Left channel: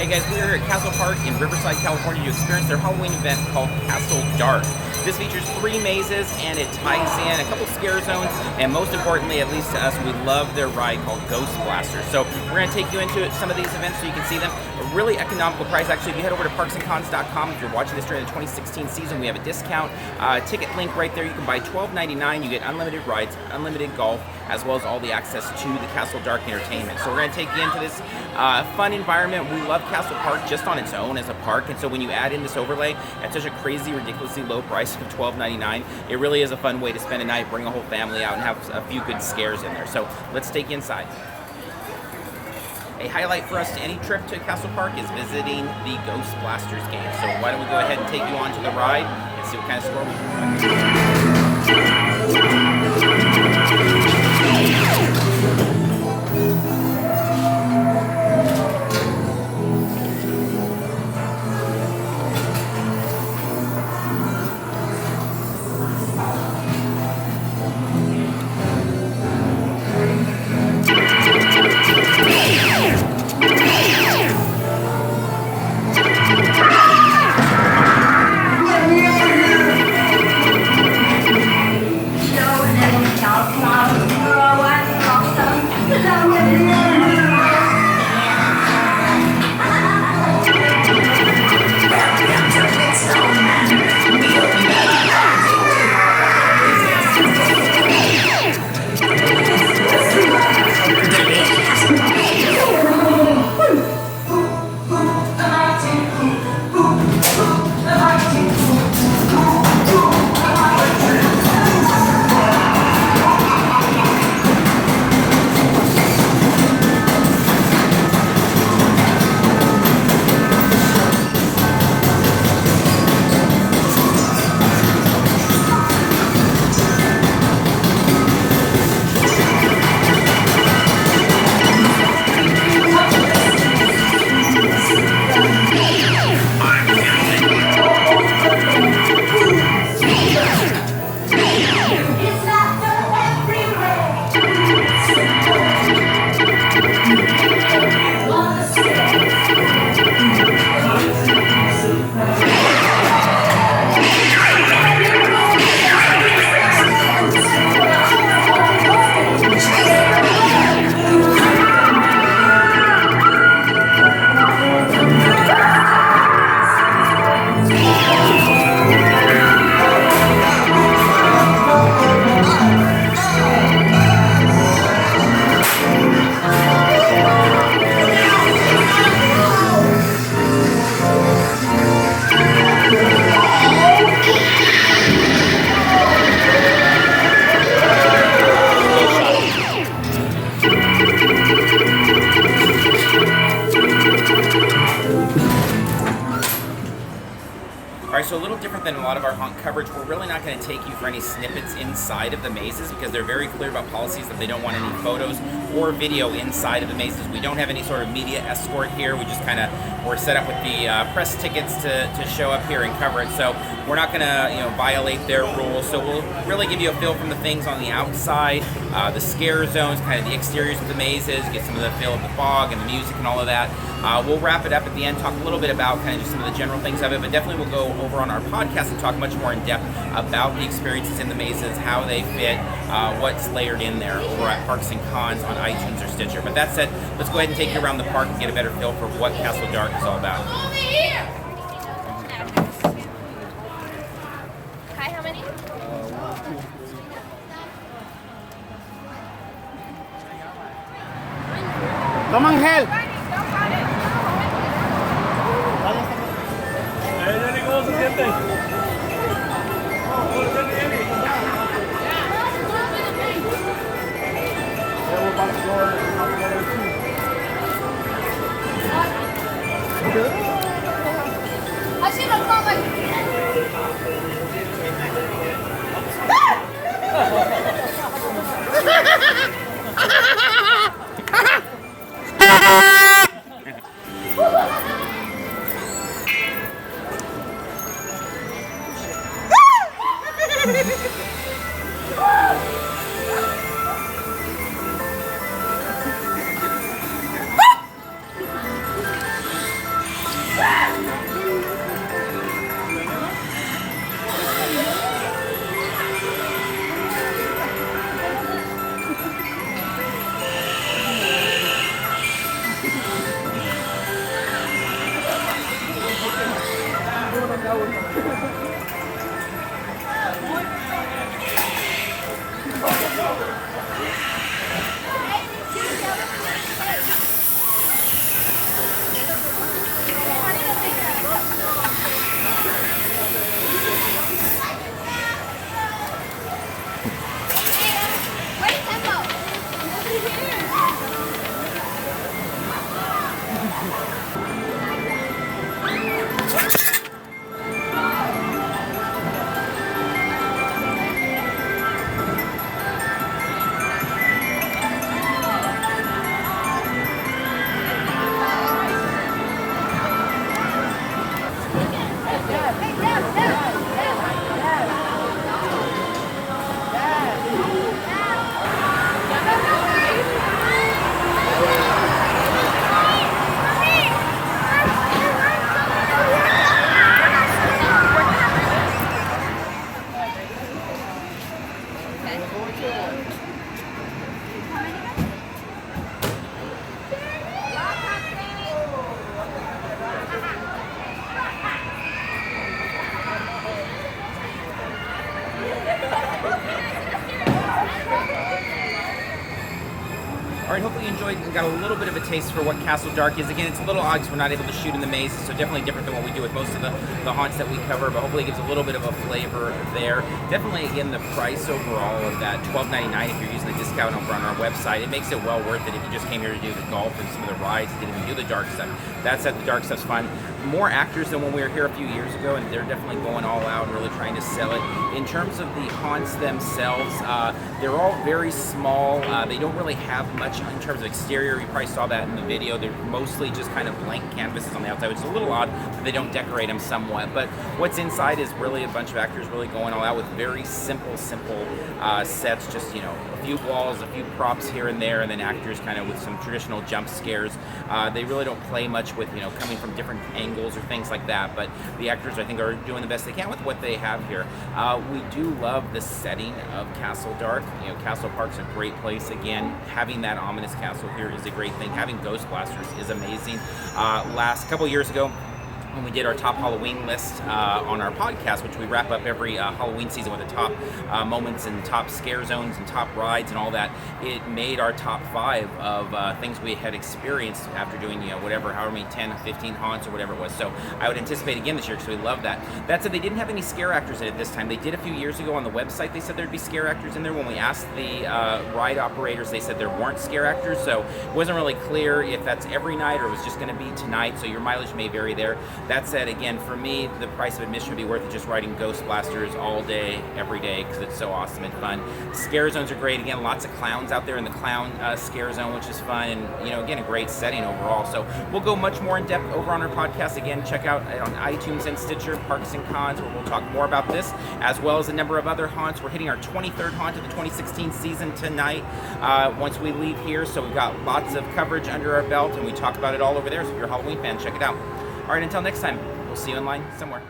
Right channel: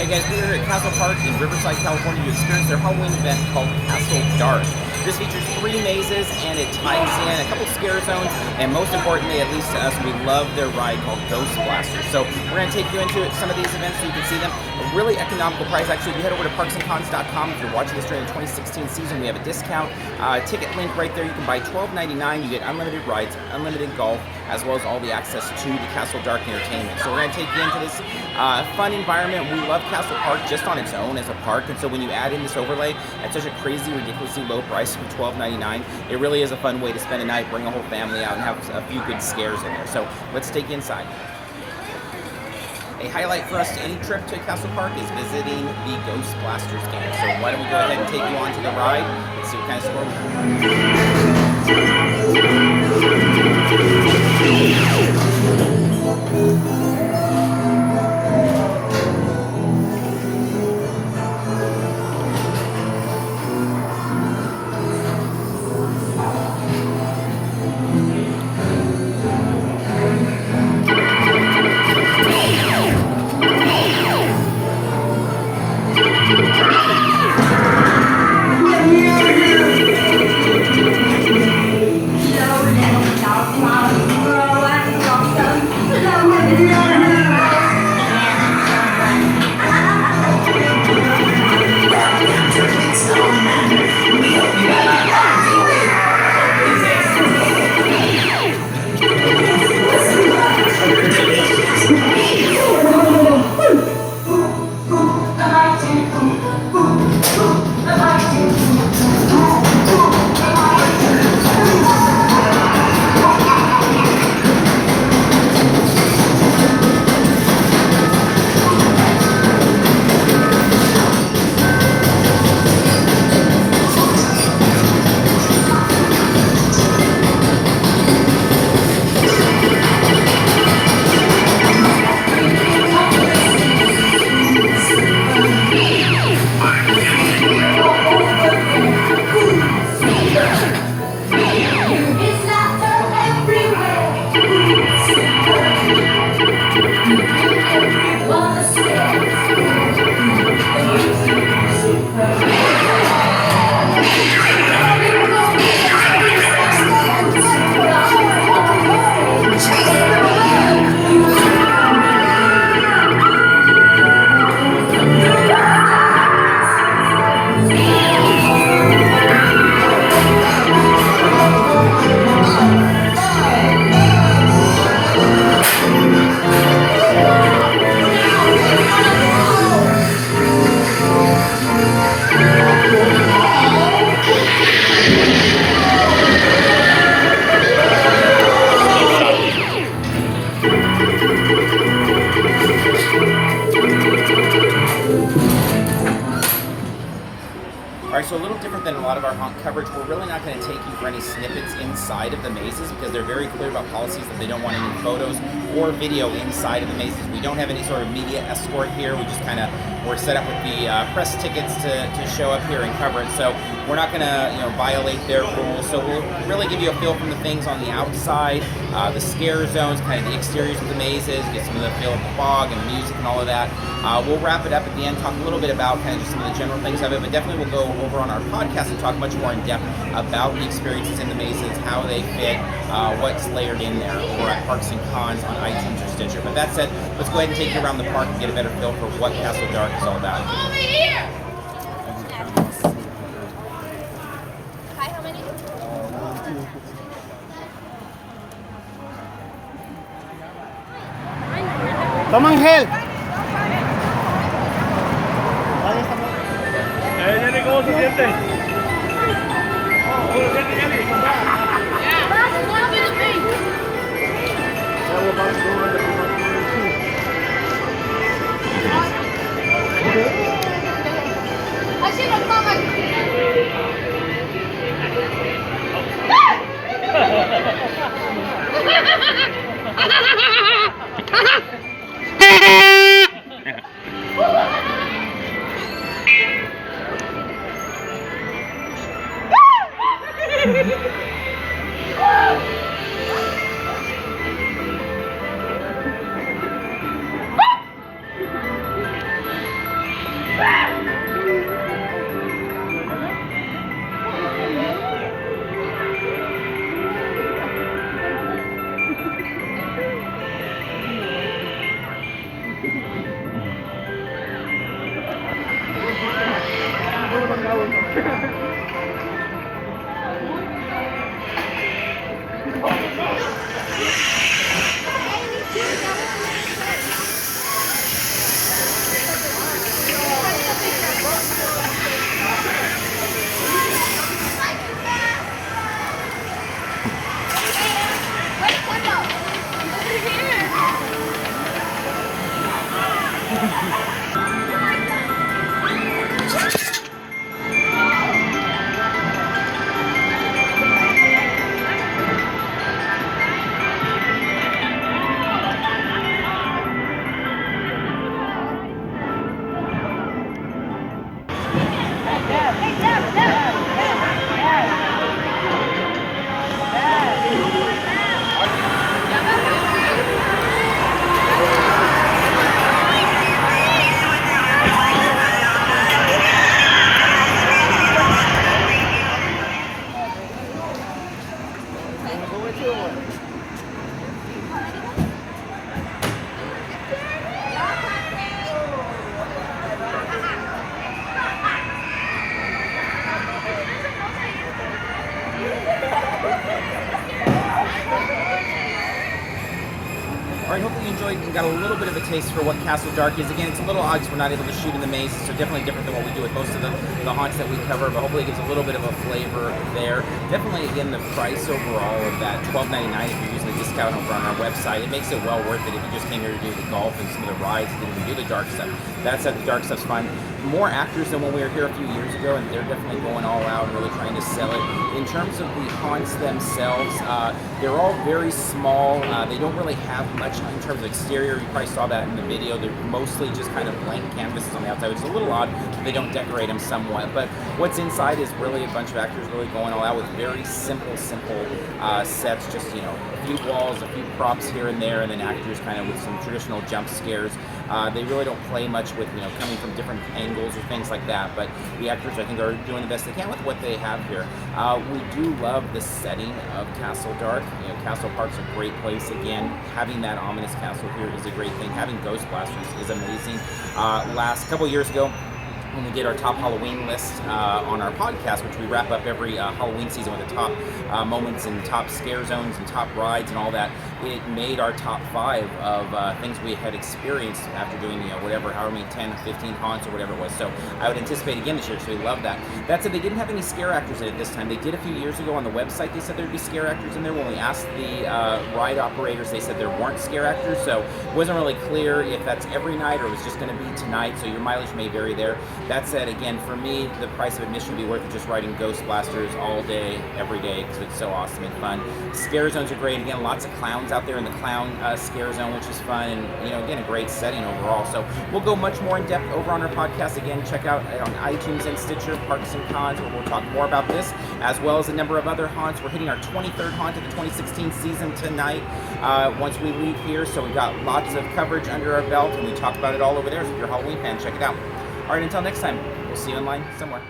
Hey guys, we're here at Castle Park in Riverside, California to experience their Halloween event called Castle Dark. This features 3 mazes and it ties in a couple scare zones, and most importantly, at least to us, we love their ride called Ghost Blasters. So we're going to take you into some of these events so you can see them. A really economical price. Actually, if you head over to parksandcons.com, if you're watching this during the 2016 season, we have a discount ticket link right there. You can buy $12.99. You get unlimited rides, unlimited golf, as well as all the access to the Castle Dark entertainment. So we're going to take you into this fun environment. We love Castle Park just on its own as a park, and so when you add in this overlay at such a crazy, ridiculously low price of $12.99, it really is a fun way to spend a night, bring a whole family out, and have a few good scares in there. So let's take you inside. A highlight for us to any trip to Castle Park is visiting the Ghost Blasters game. So why don't we go ahead and take you on to the ride and see what kind of score we can run. Alright, so a little different than a lot of our haunt coverage, we're really not going to take you for any snippets inside of the mazes because they're very clear about policies that they don't want any photos or video inside of the mazes. We don't have any sort of media escort here. We just we're set up with the press tickets to show up here and cover it. So we're not going to violate their rules. So we'll really give you a feel from the things on the outside, the scare zones, kind of the exteriors of the mazes, get some of the feel of the fog and the music and all of that. We'll wrap it up at the end, talk a little bit about kind of just some of the general things of it, but definitely we'll go over on our podcast and talk much more in depth about the experiences in the mazes, how they fit, what's layered in there over at Parks and Cons on iTunes or Stitcher. But that said, let's go ahead and take you around the park and get a better feel for what Castle Dark is all about. Over here! Hi, how many? Come on, help! I should have thought like Wait, tempo. Over here. All right, hopefully you enjoyed and got a little bit of a taste for what Castle Dark is. Again, it's a little odd because we're not able to shoot in the mazes, so definitely different than what we do with most of the haunts that we cover, but hopefully it gives a little bit of a flavor there. Definitely, again, the price overall of that $12.99 if you're using the discount over on our website, it makes it well worth it if you just came here to do the golf and some of the rides and didn't even do the dark stuff. That said, the dark stuff's fun. More actors than when we were here a few years ago, and they're definitely going all out and really trying to sell it. In terms of the haunts themselves, they're all very small. They don't really have much in terms of exterior. You probably saw that in the video. They're mostly just kind of blank canvases on the outside, which is a little odd that they don't decorate them somewhat. But what's inside is really a bunch of actors really going all out with very simple sets. Just, you know, a few walls, a few props here and there, and then actors kind of with some traditional jump scares. They really don't play much with, you know, coming from different angles or things like that. But the actors, I think, are doing the best they can with what they have here. We do love the setting of Castle Dark. You know, Castle Park's a great place. Again, having that ominous castle here is a great thing. Having ghost blasters is amazing. Last couple years ago, when we did our top Halloween list on our podcast, which we wrap up every Halloween season with the top moments and top scare zones and top rides and all that, it made our top 5 of things we had experienced after doing, you know, whatever, however many 10, 15 haunts or whatever it was. So I would anticipate again this year, so we love that. That said, they didn't have any scare actors in it this time. They did a few years ago on the website. They said there'd be scare actors in there. When we asked the ride operators, they said there weren't scare actors, so it wasn't really clear if that's every night or it was just going to be tonight, so your mileage may vary there. That said, again, for me, the price of admission would be worth it just riding Ghost Blasters all day, every day, because it's so awesome and fun. Scare zones are great. Again, lots of clowns out there in the clown scare zone, which is fun, and, you know, again, a great setting overall. So we'll go much more in depth over on our podcast. Again, check out on iTunes and Stitcher, Parks and Cons, where we'll talk more about this, as well as a number of other haunts. We're hitting our 23rd haunt of the 2016 season tonight once we leave here, so we've got lots of coverage under our belt, and we talk about it all over there. So if you're a Halloween fan, check it out. All right, until next time, we'll see you online somewhere.